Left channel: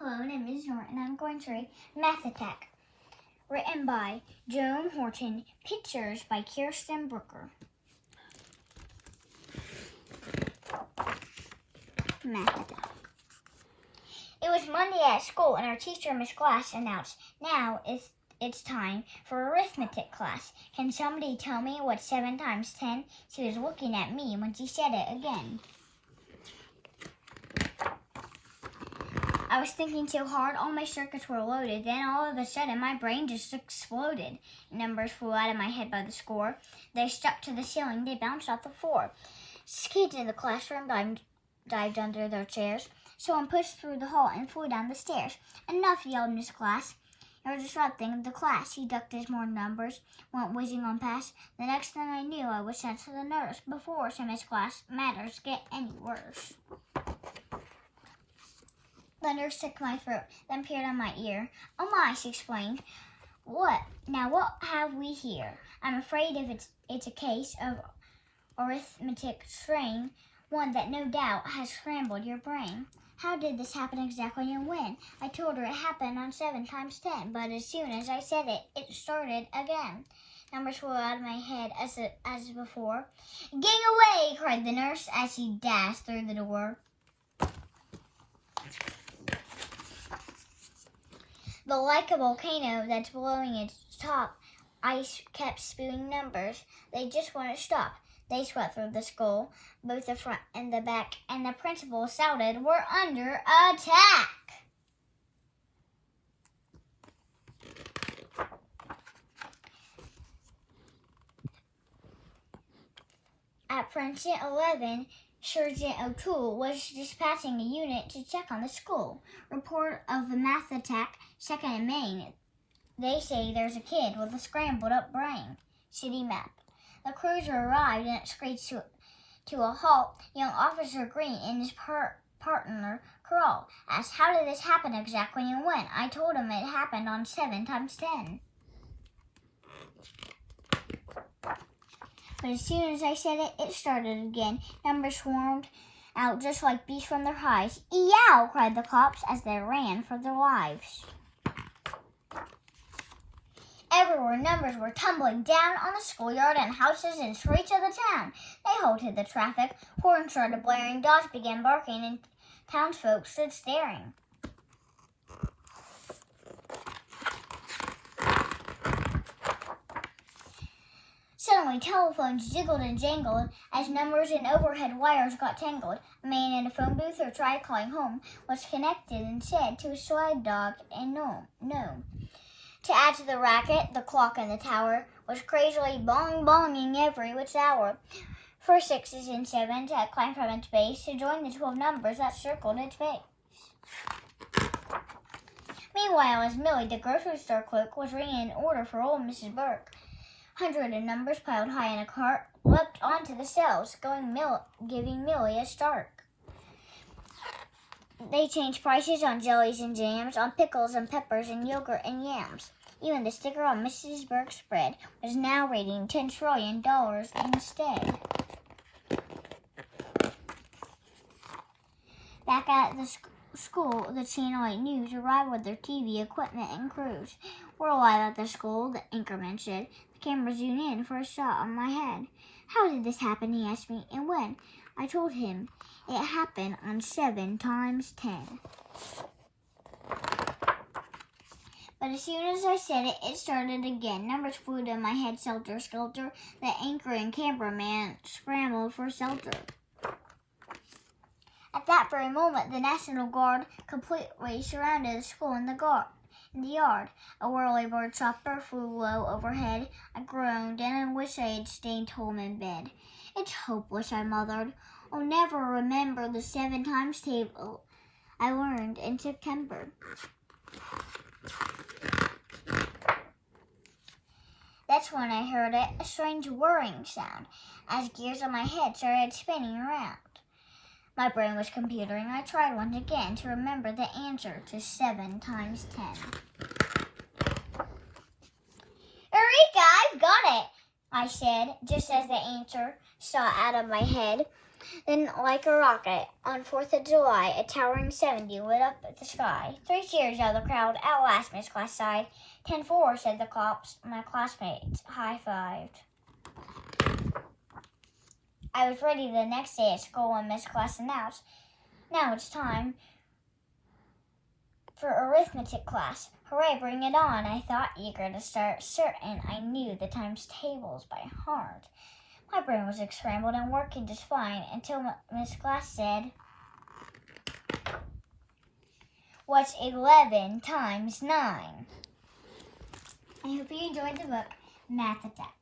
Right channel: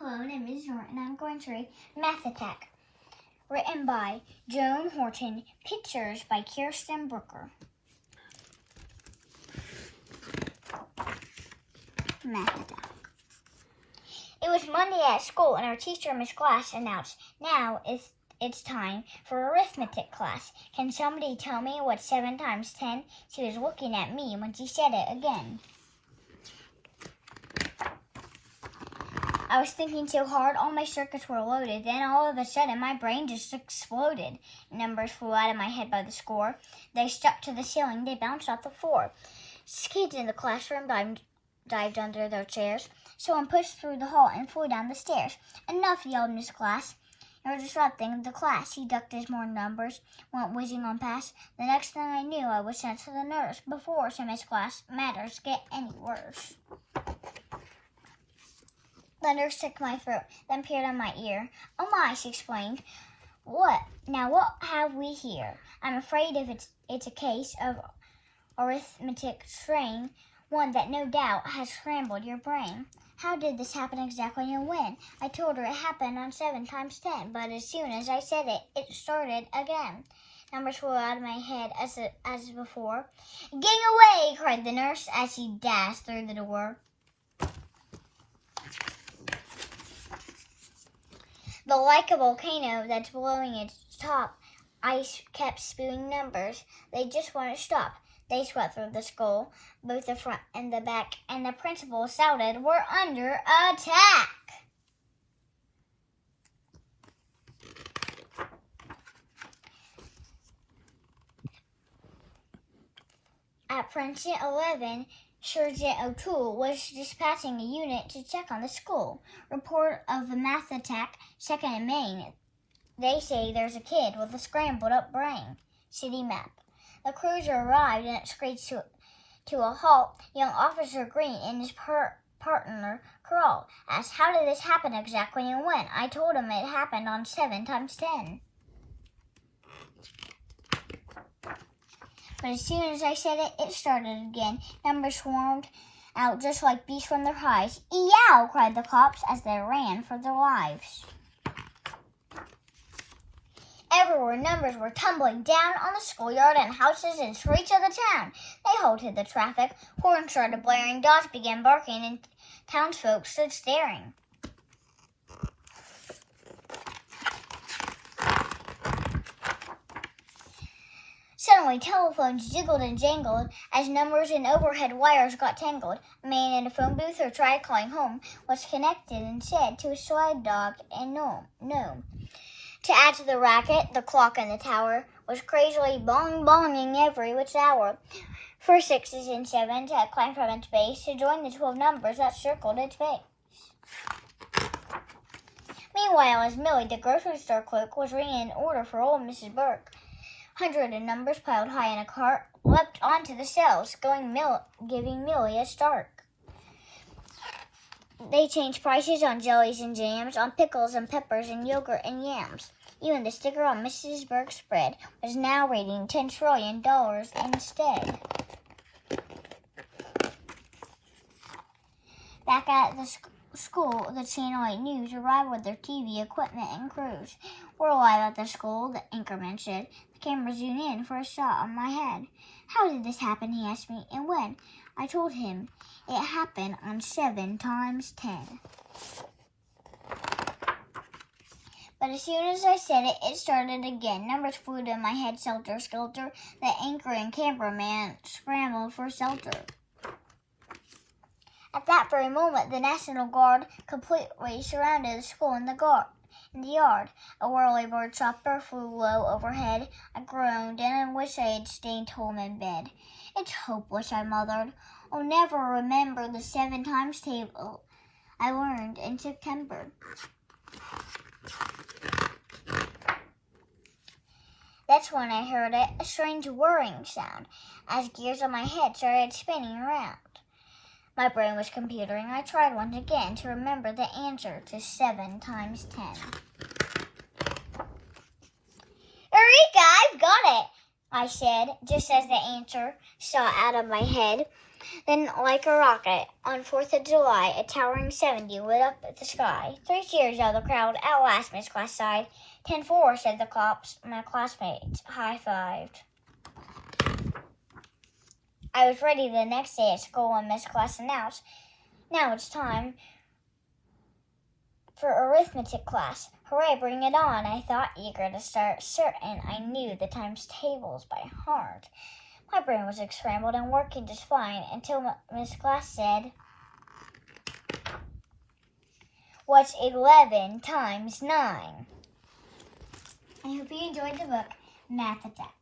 Hello, my name is Norah, and I'm going to read Math Attack, written by Joan Horton, pictures by Kyrsten Brooker. Math Attack. It was Monday at school, and our teacher, Miss Glass, announced, "Now it's time for arithmetic class. Can somebody tell me what 7 times 10? She was looking at me when she said it again. I was thinking so hard, all my circuits were loaded. Then all of a sudden, my brain just exploded. Numbers flew out of my head by the score. They stuck to the ceiling. They bounced off the floor. Kids in the classroom dived under their chairs. Someone pushed through the hall and flew down the stairs. "Enough," yelled Miss Glass. "You're disrupting the class." He ducked as more numbers went whizzing on past. The next thing I knew, I was sent to the nurse. "Before," said Miss Glass, "matters get any worse." The nurse took my throat, then peered on my ear. "Oh my," she explained. What have we here? I'm afraid if it's a case of arithmetic strain, one that no doubt has scrambled your brain." "How did this happen exactly and when?" I told her it happened on 7 times 10, but as soon as I said it, it started again. Numbers flew out of my head as before. "Gang away!" cried the nurse as she dashed through the door. The like a volcano that's blowing its top, ice kept spewing numbers. They just wouldn't stop. They swept through the school, both the front and the back, and the principal shouted, "We're under attack!" At Precinct 11, Sergeant O'Toole was dispatching a unit to check on the school. "Report of a math attack, 2nd and Main. They say there's a kid with a scrambled-up brain." City map. The cruiser arrived and it screeched to a halt. Young Officer Green and his partner, Carl, asked, "How did this happen exactly and when?" I told him it happened on 7 times 10. But as soon as I said it, it started again. Numbers swarmed out just like bees from their hives. "Eow!" cried the cops as they ran for their lives. Everywhere, numbers were tumbling down on the schoolyard and houses and streets of the town. They halted the traffic. Horns started blaring. Dogs began barking, and townsfolk stood staring. Suddenly, telephones jiggled and jangled as numbers and overhead wires got tangled. A man in a phone booth who tried calling home was connected and said to a slide dog and no. To add to the racket, the clock in the tower was crazily bong-bonging every which hour. 4 6s and 7s had climbed from its base to join the 12 numbers that circled its base. Meanwhile, as Millie, the grocery store clerk, was ringing an order for old Mrs. Burke, hundreds of numbers piled high in a cart leapt onto the shelves, giving Millie a start. They changed prices on jellies and jams, on pickles and peppers and yogurt and yams. Even the sticker on Mrs. Burke's bread was now reading $10 trillion instead. Back at the school, the Channel 8 News arrived with their TV equipment and crews. "We're live at the school," the anchorman said. The camera zoomed in for a shot on my head. "How did this happen?" he asked me. "And when?" I told him. It happened on 7 times 10. But as soon as I said it, it started again. Numbers flew to my head, skelter-skelter. The anchor and cameraman scrambled for shelter. At that very moment, the National Guard completely surrounded the school in the yard. A whirly-bird chopper flew low overhead. I groaned, and I wished I had stayed home in bed. "It's hopeless," I mothered. "I'll never remember the 7 times table I learned in September." That's when I heard a strange whirring sound, as gears on my head started spinning around. My brain was computering. I tried once again to remember the answer to 7 times 10. "Eureka! I've got it!" I said, just as the answer shot out of my head. Then, like a rocket, on 4th of July, a towering 70 lit up the sky. 3 cheers out of the crowd. At last, Miss Class sighed. 10-4, said the cops. My classmates high-fived. I was ready the next day at school when Miss Class announced, "Now it's time for arithmetic class." Hooray, bring it on, I thought, eager to start. Certain I knew the times tables by heart. My brain was scrambled and working just fine until Miss Class said, "What's 11 times 9? I hope you enjoyed the book, Math Attack.